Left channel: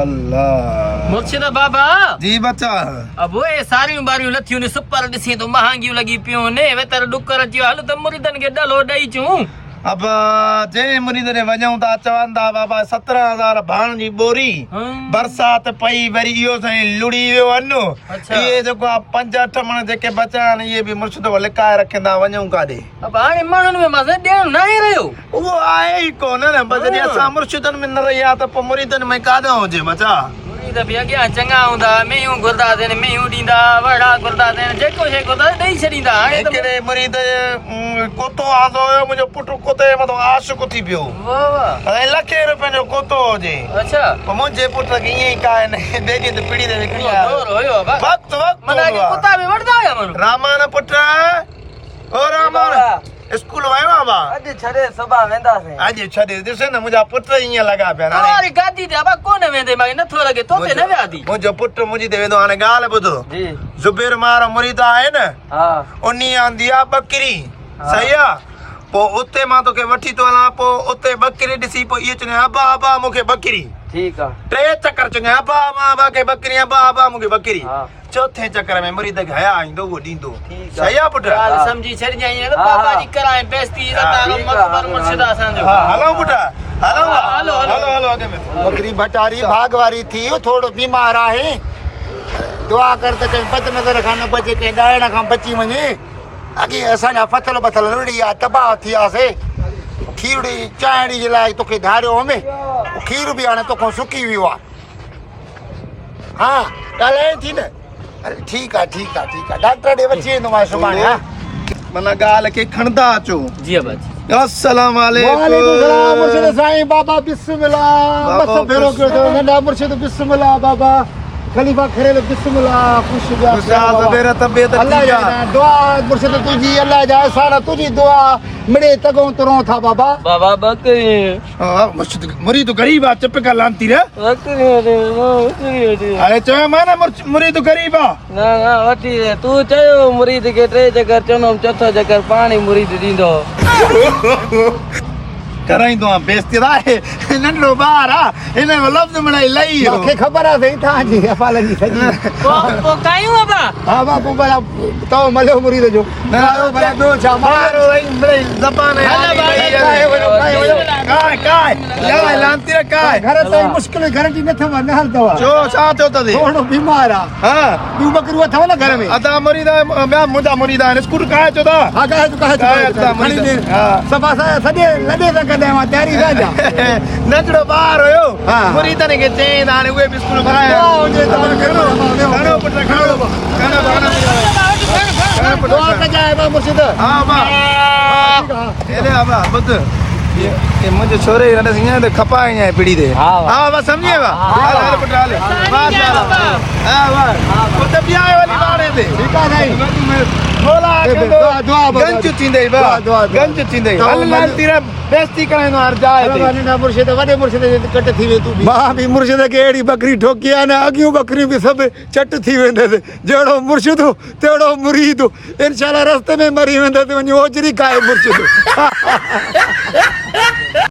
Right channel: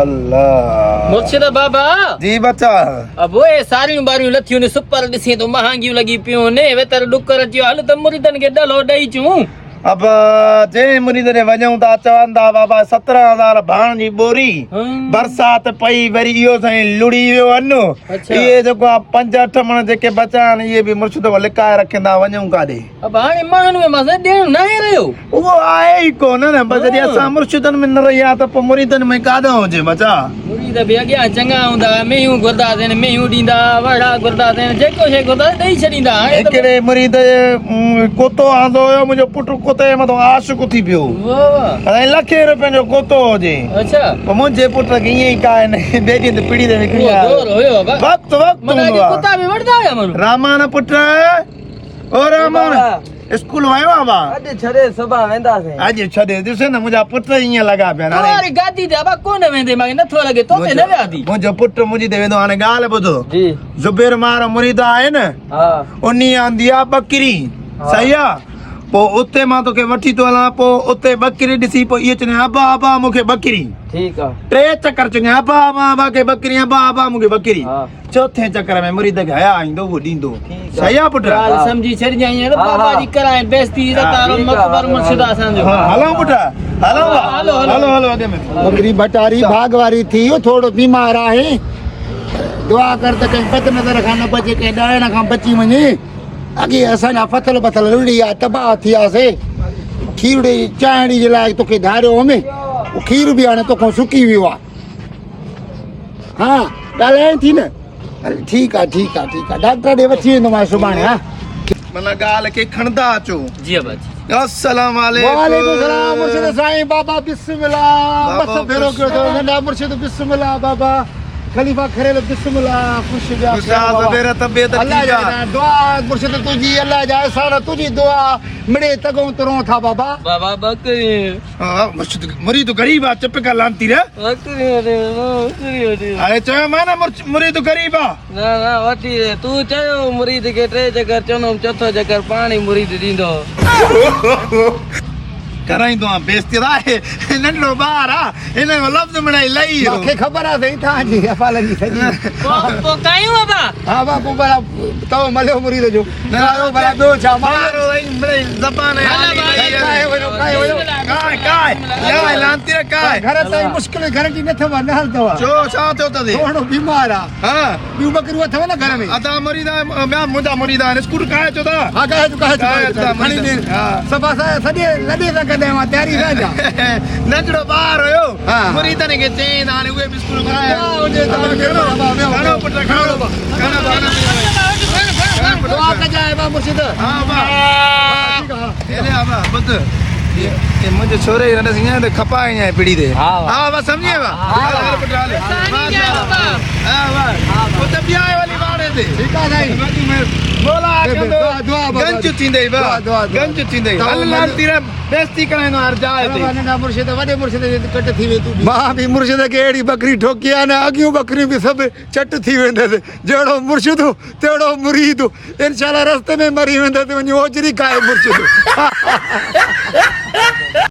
अल्लाह मुर्शिद बाबा जी बच्चा अब वो सारियूं बारियूं लथियूं ने सुपर ॾिसी तो महांगियूं लॻी पियूं ने वे तर डुकर अची हल त मुरीदन खे डलो ॾेई चूं अब जे मुरीद ने वञूं था चवनि था बाबा 17,000 भाण जी बोरी बरसात पई वरी इहो साईं लुड़ी वियो अनु इहे जेको आहे 5-8 मण जेके बचा आहिनि इहे बि मुर्शिद लिकाए रखंदा वञूं काॾे अब हाणे माण्हुनि में मज़ो ॾियणु न आहे रहियो उहो आहे ई कोन न बस जॾहिं असां मुर्शिदनि में न रहिया त पोइ मुरीदनि में काॾो हुजे बचा मुरीद बि अॻियां चङा हूंदा मेयूं घुरंदासीं मेयूं ॾींदा वड़ा घुरंदासीं जेको शइ घुरंदा ॾेई छॾींदा हिकिड़े मुरीद कोतो आंदो हुयो मुंहिंजो पुटु कोते मथां आशिक़ थी पियो लखे रुपयनि जो कोतो हुजे अच्छा पोइ मुंहिंजे पुट खे ईअं ई का बेटी ते पीड़ी ते विकिणी वक़्तु कुता बि वठंदा हुया माण्हू रामान पुट ओ रामान स्कूल वियो आहे बा अॼु छॾे सुभाणे वेंदासीं अॼु छॾे ॾिस न मुंहिंजा पुट ईअं लॻा पिया हाणे गादी ते बाबा कोन वेंदे मूंखे नथो लॻे तो ते न वियादी मुंहिंजो पुट मुंहिंजी ते वेंदो हाणे ॻाल्हि ॿुधो जी ज़ुबैर मार मुरीद आहे न हा उन्ही आंदी आहे बकरी सही आहे पोइ उते मां तोखे वठी थो हलां पोइ उते बकरी ॾिसी पोइ इहे चवंदा अबा अबा मूंखे बकरी ठीकु आहे 3 चकर चवंदा अबा अबा खे बकरी अबा अबा मूंखे बकरी चौथे चकर में मुरीद खे हया ईंदो उहो ॾींदो सही आहे पुट समझी छॾिजांइ न बाबा जी कराए बेइज्जती तारो मकबर मुर्शिद असांजो hello put hello hello hello बकरी बटारी भाग वारी थी थोड़ो बीमार आहे दुआ कर त कहीं बद नज़र खां न बचे कंहिं ॾाइण खां बची वञे अॻे असांजा फथल बथल लुड़ी आहे तबाह थियासीं खीरड़ी चांहिड़ी जे लाइ तोखे धारियो में खीर बि हाणे तोखां सुकी वियो आहे हा ॻाल्हाए थी न हल ठीकु आहे डॉक्टर ॾे वठी वेंदोमांइ सुभाणे हा माना ॻाल्हि खे खणंदा अचो जी बाबा जी अस्सलाम वालेकुम सलाम मुर्शिद साईं बाबा बिस्मिल्लाह बस भेरो कयो अथव नंढा मुर्शिद बिस्मिल्लाह बाबा खलीफा खरेल बिस्मिल्लाह खुश मेरा तबियत अल्लाह जा दुआ मुर्शिद तुझी अल्लाह जा सारा तुझी दुआ मिड़े तगो तरो था बाबा बाबा बकरी मुर्शिद मुरीद गरीब आ चुप कर लांती रे बकरी अरे चयो माना मुरीद गरीब आ ना वठी तू चयो मुरीद खे 3 चकर चनो चौथो चकर पाणी मुरीद ॾींदो कराईंदो आहे बेइज्जती आहे नंढड़ो ॿार आहे हिन लफ़्ज़ मिड़ाई लई मूंखे ख़बर आहे साईं तव्हांजी अफ़ालनि जी सॼी पोइ कायूं बाबा हा बाबू भला तव मलियो मुरीद जो भला ॿियो छा मारो मिड़ाई ज़बान काय लांती रे काय घर ताईं मुश्किल घर जी न अथव न हलंदव छो छा थियो अथई थोरो बीमार आहे हा ॿियूं बकरियूं अथव न घर में अदा मुरीद ॿिया मुंहिंजा मुरीद आहिनि स्कूटर काहे छो था हा काहे सफ़ा सॼे लॾे था कॾहिं मां तयारी राजा नंढड़ो ॿार हुयो मुरीदनि खे चई त हाणे उहे बि स्कूल खणो पुट मुंहिंजो छोरे हीअं खपाई आहे पीढ़ी ते हा बस सम्झे गंज थींदे गंज थींदे बेइज्जती कराईंदो हर जाइ ते मुर्शिद वॾे मुर्शिद कट थी वे तूं मां बि मुर्शिद खे अहिड़ी बकरी ठोकी आहे न अॻियूं बकरियूं बि सभु चट थी वेंदसि जहिड़ो मुर्शिद तहिड़ो मुरीद इंशाल्लाह रस्ते में मरी वेंदसि वञी ओजरी खाए मुर्शिद